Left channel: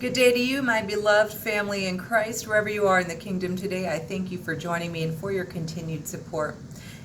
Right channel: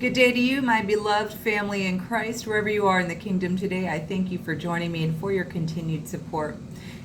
Good day to you, my beloved family in Christ, wherever you are in the kingdom today. I thank you for joining me and for your continued support.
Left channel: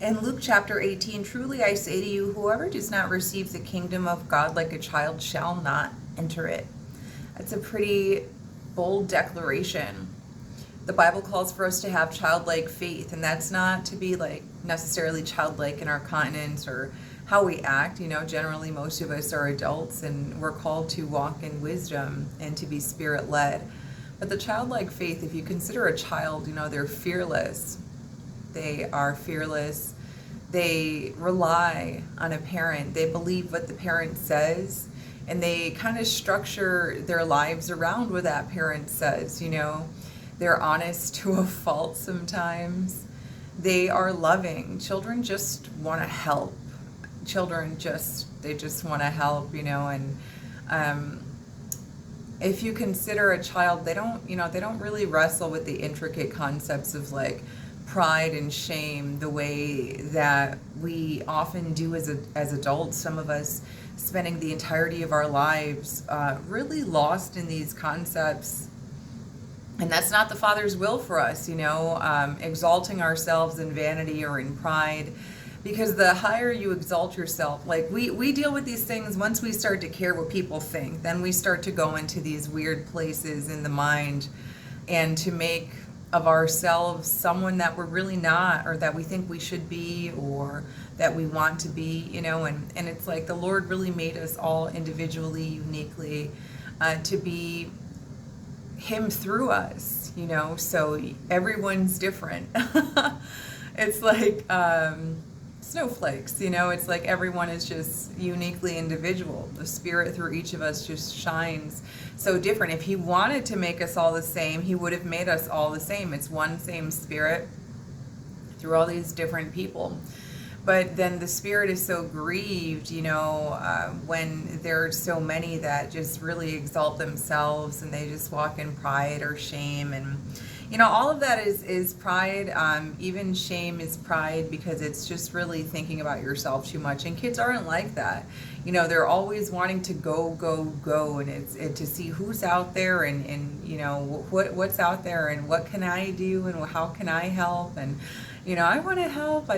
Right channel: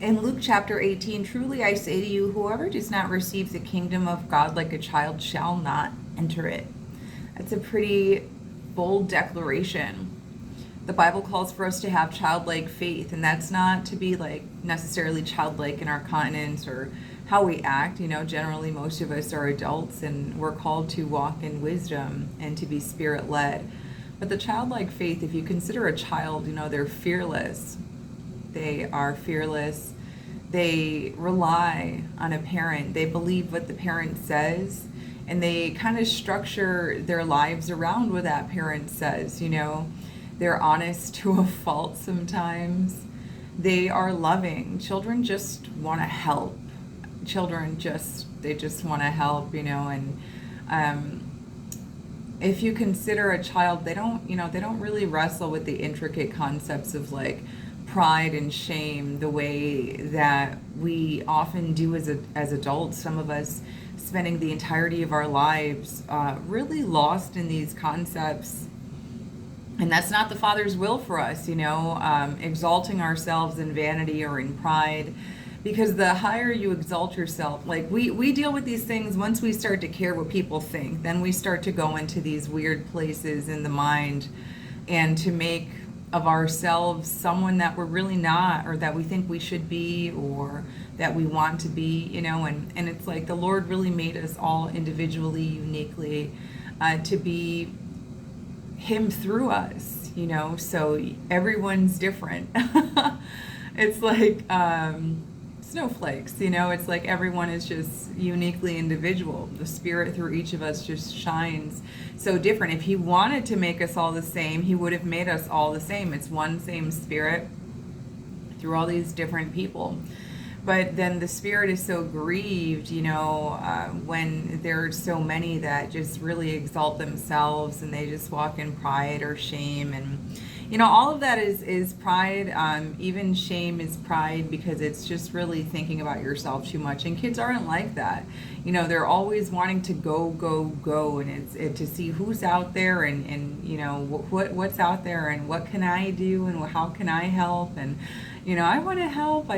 In Luke chapter 18, truly I say to you, whoever does not receive the kingdom of God like a child shall not enter it. That's a pretty bold declaration. The Bible calls for us to have childlike faith, and that's not to be like necessarily childlike in our continence or how we act. Generally most of us are adults and we're called to walk in wisdom and to be spirit led. But the childlike faith, if you consider a child, they're fearless. They are fearless. They rely on a parent. They believe what the parent says, and they kind of structure their lives around what that parent says. They're honest to a fault sometimes. They are loving. Children just want to help. They just want to help, and if you consider a child, they don't really wrestle with the intricate concepts of like pride and shame the way that we often do as adults. Some of us spending the entirety of our lives really lost in these concepts. And that's not the Father's will for us, exalting ourselves in vanity or in pride. Because the higher you exalt yourself, like we deal with these things once we start to care what people think, then we start to go into these weird places in the mind and to make of ourselves someone that we're really not, or that we think we should be, or that we want to be, and it's like the Lord really made us all individually, uniquely, to be Him through us, so everyone's different. It's like snowflakes, it's like everyone is just uniquely individual. The Spirit through each of us just shines so different. If He wanted to make us all the same, He would have made us all the same. It's one same Spirit through all these different people. But then the Spirit is so grieved, when there are so many that just really exalt themselves and they just walk in pride or shame. And, all of that is pride. Even shame is pride, because it's just really thinking about yourself too much. And kids aren't like that. They're always wanting to go, go, go. And it's to see who's out there and what's out there and what can I do and how can I help. And I want to help.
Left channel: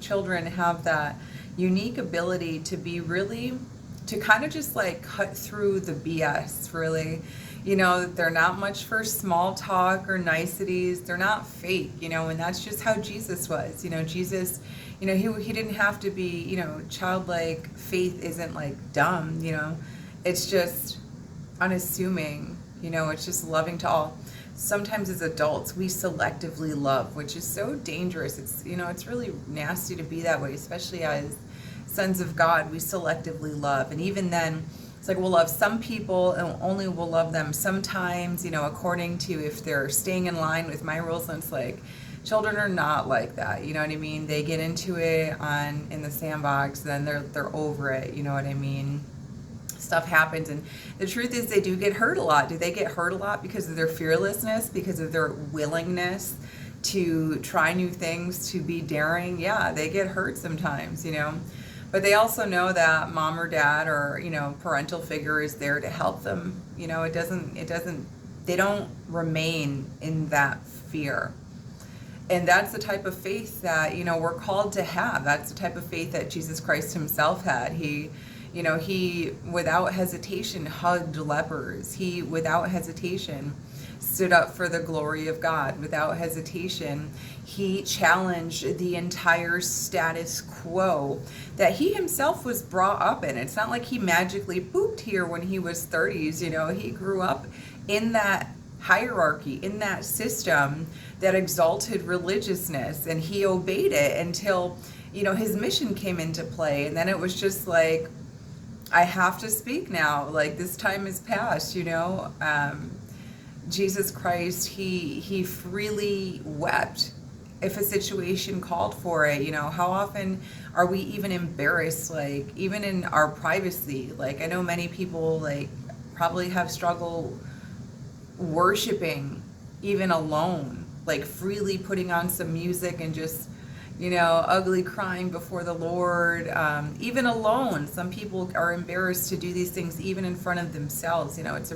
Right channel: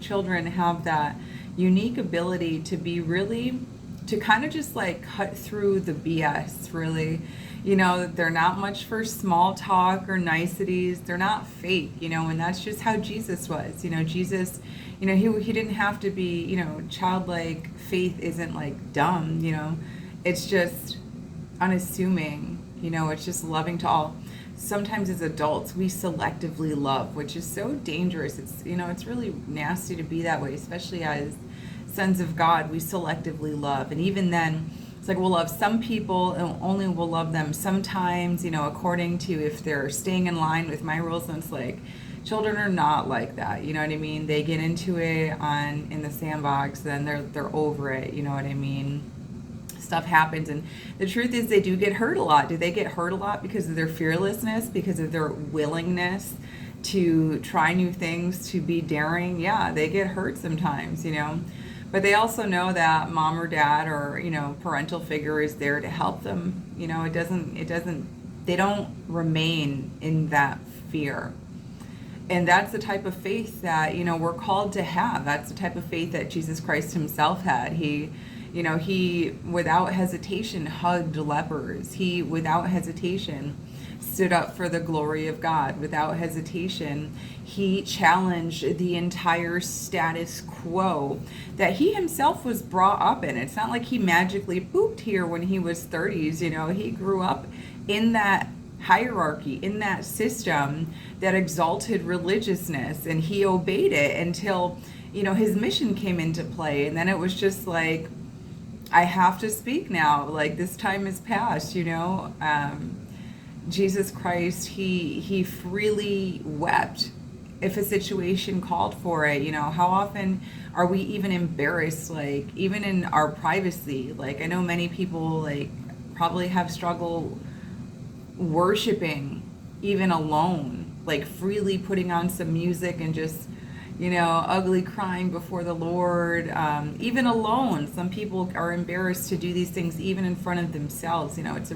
Children have that unique ability to be really, to kind of just like cut through the BS, really. They're not much for small talk or niceties. They're not fake, and that's just how Jesus was. Jesus, he didn't have to be, childlike faith isn't like dumb, it's just unassuming, it's just loving to all. Sometimes as adults we selectively love, which is so dangerous. It's really nasty to be that way, especially as sons of God. We selectively love, and even then it's like we'll love some people and only we'll love them sometimes, according to if they're staying in line with my rules. And it's like children are not like that, you know what I mean? They get into it in the sandbox, then they're over it, you know what I mean? Stuff happens, and the truth is they do get hurt a lot. Do they get hurt a lot because of their fearlessness, because of their willingness to try new things, to be daring? Yeah, they get hurt sometimes, but they also know that mom or dad or parental figure is there to help them. They don't remain in that fear. And that's the type of faith that we're called to have. That's the type of faith that Jesus Christ Himself had. He without hesitation hugged lepers. He without hesitation stood up for the glory of God. Without hesitation, He challenged the entire status quo that He Himself was brought up in. It's not like He magically pooped here when He was 30s. He grew up in that hierarchy, in that system that exalted religiousness, and He obeyed it until His mission came into play. And then it was just like, I have to speak now, like this time is past. Jesus Christ, he freely wept if a situation called for it. How often are we even embarrassed, like even in our privacy? Like I know many people like probably have struggle worshiping even alone, like freely putting on some music and just ugly crying before the Lord, even alone. Some people are embarrassed to do these things even in front of themselves. It's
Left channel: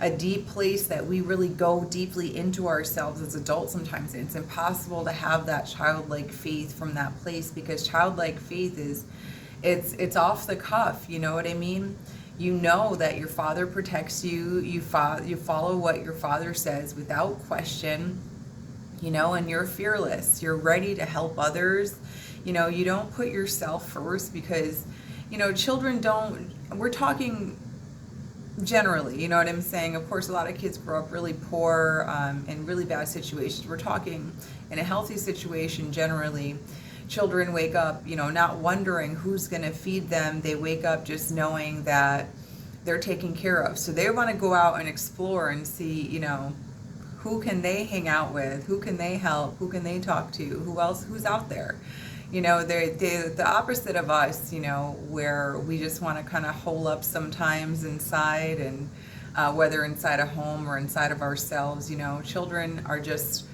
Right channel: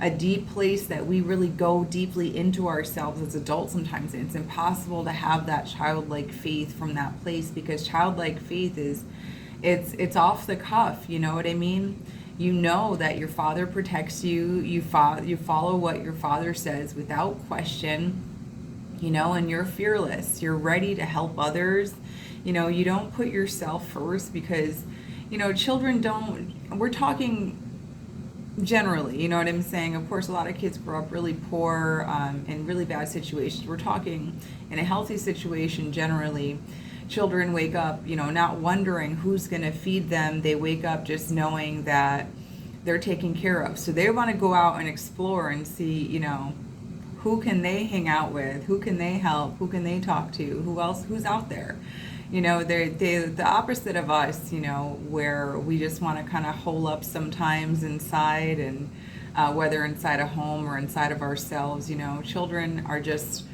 a deep place that we really go deeply into ourselves as adults sometimes. And it's impossible to have that childlike faith from that place, because childlike faith it's off the cuff. You know what I mean? You know that your Father protects you. You follow what your Father says without question. And you're fearless. You're ready to help others. You don't put yourself first, because, children don't, we're talking generally, you know what I'm saying? Of course, a lot of kids grow up really poor, in really bad situations. We're talking in a healthy situation generally. Children wake up, not wondering who's going to feed them. They wake up just knowing that they're taken care of. So they want to go out and explore and see, who can they hang out with? Who can they help? Who can they talk to? Who's out there? They're the opposite of us, where we just want to kind of hole up sometimes inside, and whether inside a home or inside of ourselves. Children are just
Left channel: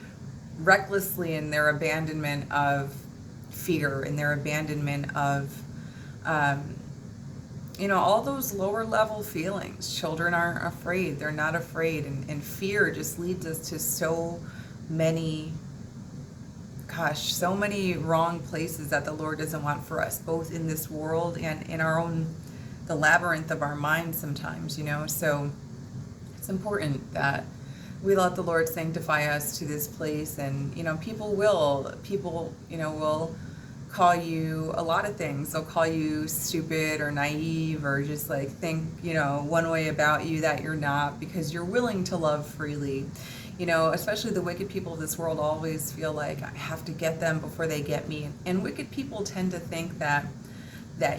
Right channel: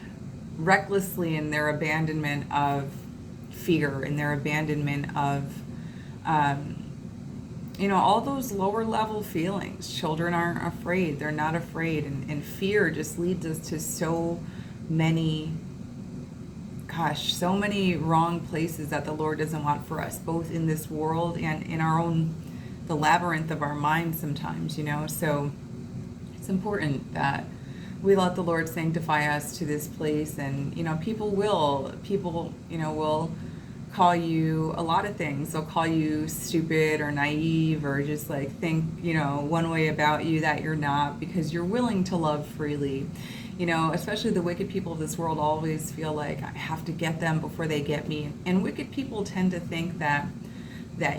recklessly in their abandonment of fear, and their abandonment of all those lower level feelings. Children aren't afraid. They're not afraid. And fear just leads us to so many wrong places that the Lord doesn't want for us, both in this world and in the labyrinth of our minds sometimes, So it's important that we let the Lord sanctify us to this place. And, people will call you a lot of things. They'll call you stupid or naive, or just think, one way about you that you're not, because you're willing to love freely. Especially the wicked people of this world always feel like, I have to get them before they get me. And wicked people tend to think that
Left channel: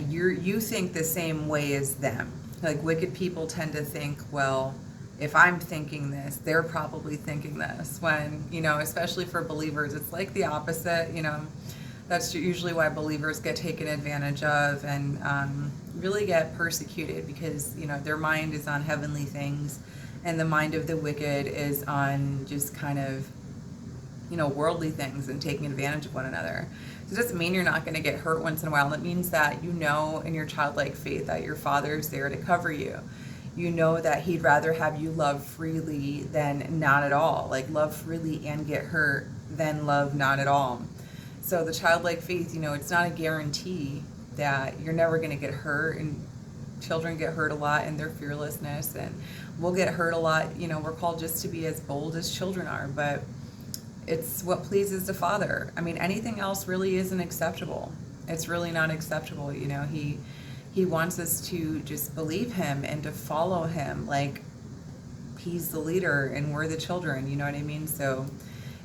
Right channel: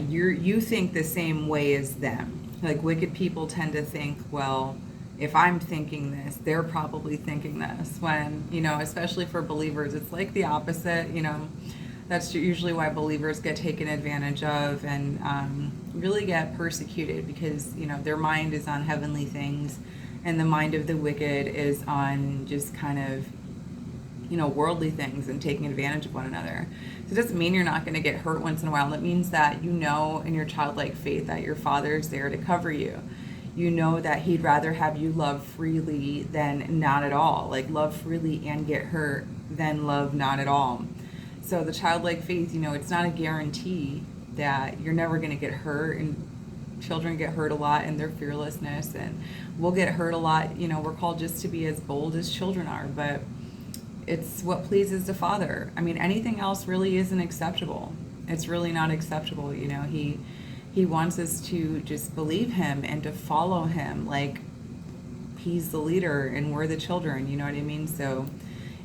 you think the same way as them. Like, wicked people tend to think, well, if I'm thinking this, they're probably thinking this. When, especially for believers, it's like the opposite. That's usually why believers get taken advantage of and really get persecuted, because, their mind is on heavenly things, and the mind of the wicked is on just kind of, worldly things and taking advantage of one another. So it doesn't mean you're not going to get hurt once in a while. It means that in your childlike faith that your Father's there to cover you. That He'd rather have you love freely than not at all. Like, love freely and get hurt than love not at all. So the childlike faith, it's not a guarantee that you're never going to get hurt. And children get hurt a lot in their fearlessness, and we'll get hurt a lot. We're called just to be as bold as children are, but it's what pleases the Father. I mean, anything else really isn't acceptable. It's really not acceptable. He wants us to just believe Him and to follow Him, like He's the leader and we're the children. You know what I mean? So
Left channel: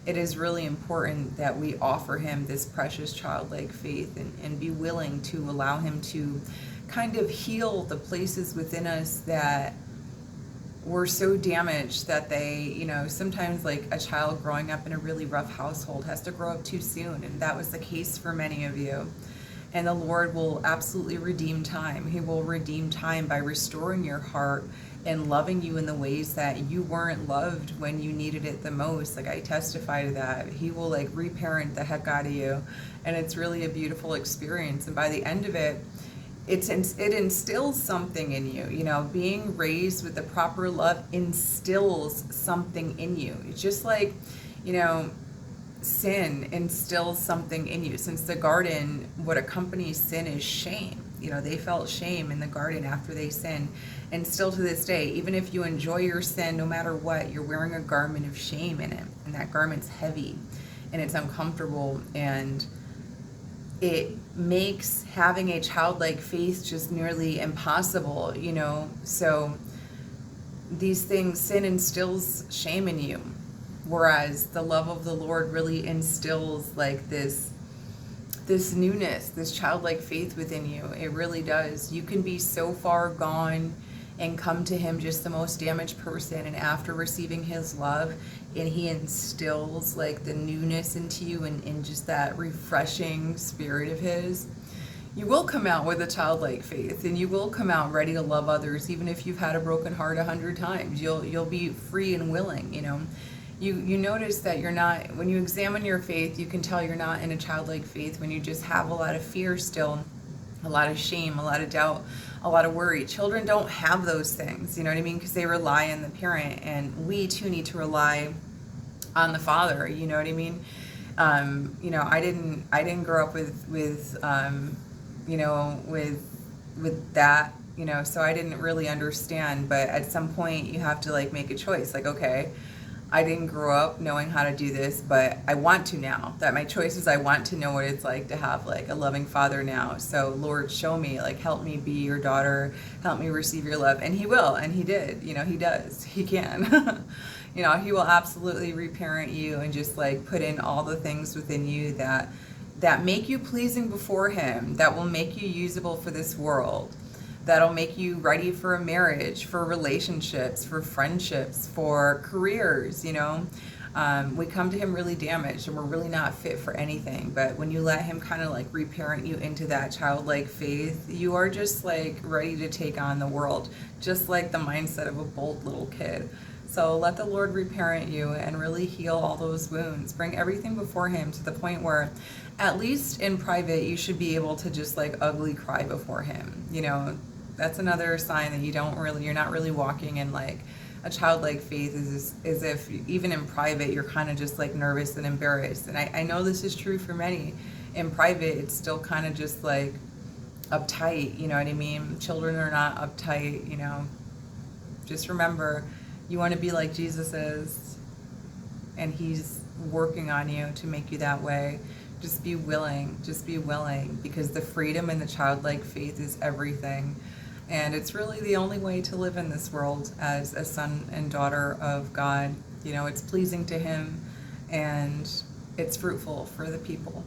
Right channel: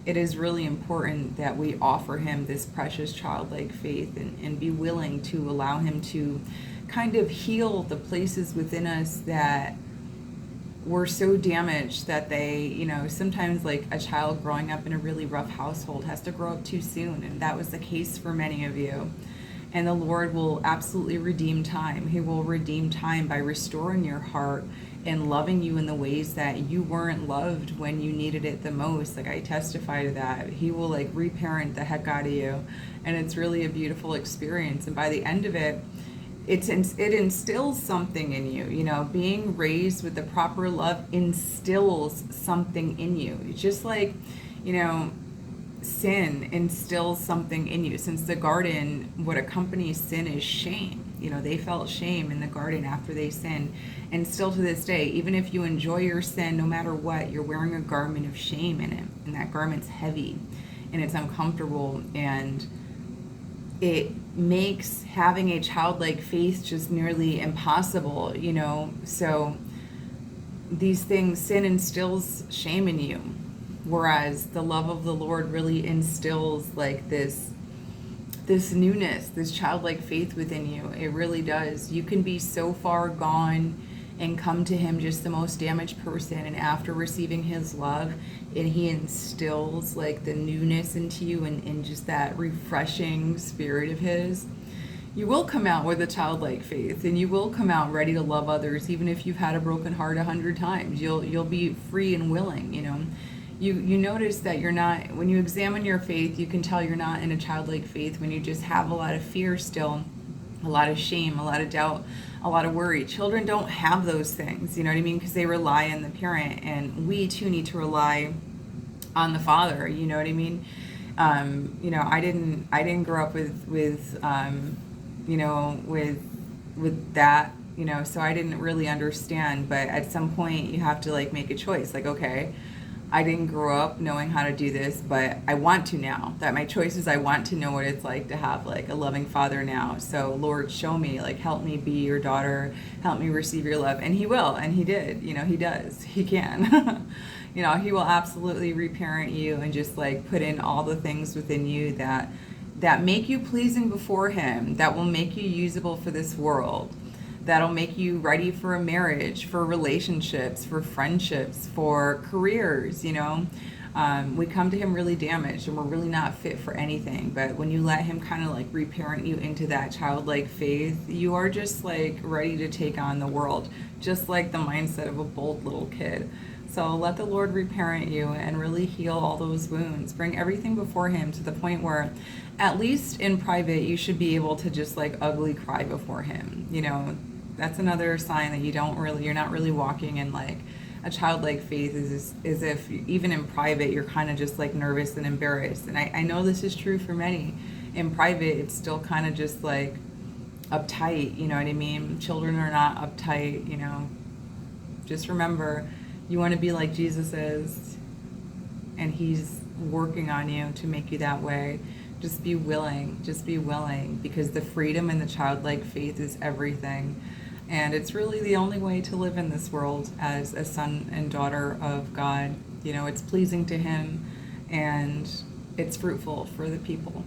it is really important that we offer Him this precious childlike faith, and be willing to allow Him to kind of heal the places within us that were so damaged that they, sometimes, like a child growing up in a really rough household has to grow up too soon. And that was the case for many of you. And the Lord will absolutely redeem time. He will redeem time by restoring your heart and loving you in the ways that you weren't loved when you needed it the most. Like, I testify to that. He will reparent the heck out of you. And it's really a beautiful experience. And by the end of it, it instills something in you. Being raised with the proper love instills something in you. It's just like, sin instills something in you. Since the garden, what accompanies sin is shame. They felt shame in the garden after they sinned. And still to this day, even if you enjoy your sin, no matter what, you're wearing a garment of shame in it. And that garment's heavy and it's uncomfortable, and it makes having a childlike faith just nearly impossible, So these things, sin instills shame in you, whereas the love of the Lord really instills this newness, this childlike faith within you. It really does. You can be so far gone and come to Him just the most damaged person, and after receiving His love, and He instills the newness into you, and just that refreshing spirit of His, you will come out with a childlike faith, and you will come out ready to love others, even if you've had a broken heart 100 times. You'll be free and willing. you notice that you're not, when you examine your faith, you can tell you're not in a childlike faith when you just have a lot of fear still, a lot of shame, a lot of doubt, a lot of worry. Children don't have those things, you know what I mean? Because they rely on the parent, and we too need to rely on the father, you know what I mean? I didn't grow up with that, so I didn't really understand. But at some point, you have to like make a choice. Like, okay, I didn't grow up knowing how to do this, but I want to now. That my choice is I want to know what it's like to have like a loving father now. So Lord, show me, like, help me be your daughter, help me receive your love. And he will, and he did, he does, he can. He will absolutely reparent you and just like put in all the things within you that make you pleasing before him, that will make you usable for this world, that'll make you ready for a marriage, for relationships, for friendships, for careers. We come to him really damaged and we're really not fit for anything. But when you let him kind of like reparent you into that childlike faith, you are just like ready to take on the world, just like the mindset of a bold little kid. So let the Lord reparent you and really heal all those wounds. Bring everything before him to the point where, at least in private, you should be able to just like ugly cry before him. That's another sign that you're not really walking in like a childlike faith, is if even in private, you're kind of just like nervous and embarrassed. And I know this is true for many. In private, it's still kind of just like uptight, you know what I mean? Children are not uptight, Just remember, you want to be like Jesus is, and he's working on you to make you that way. Just be willing, because the freedom in the childlike faith is everything. And it's really the only way to live in this world as a son and daughter of God. It's pleasing to him, and it's fruitful for the people.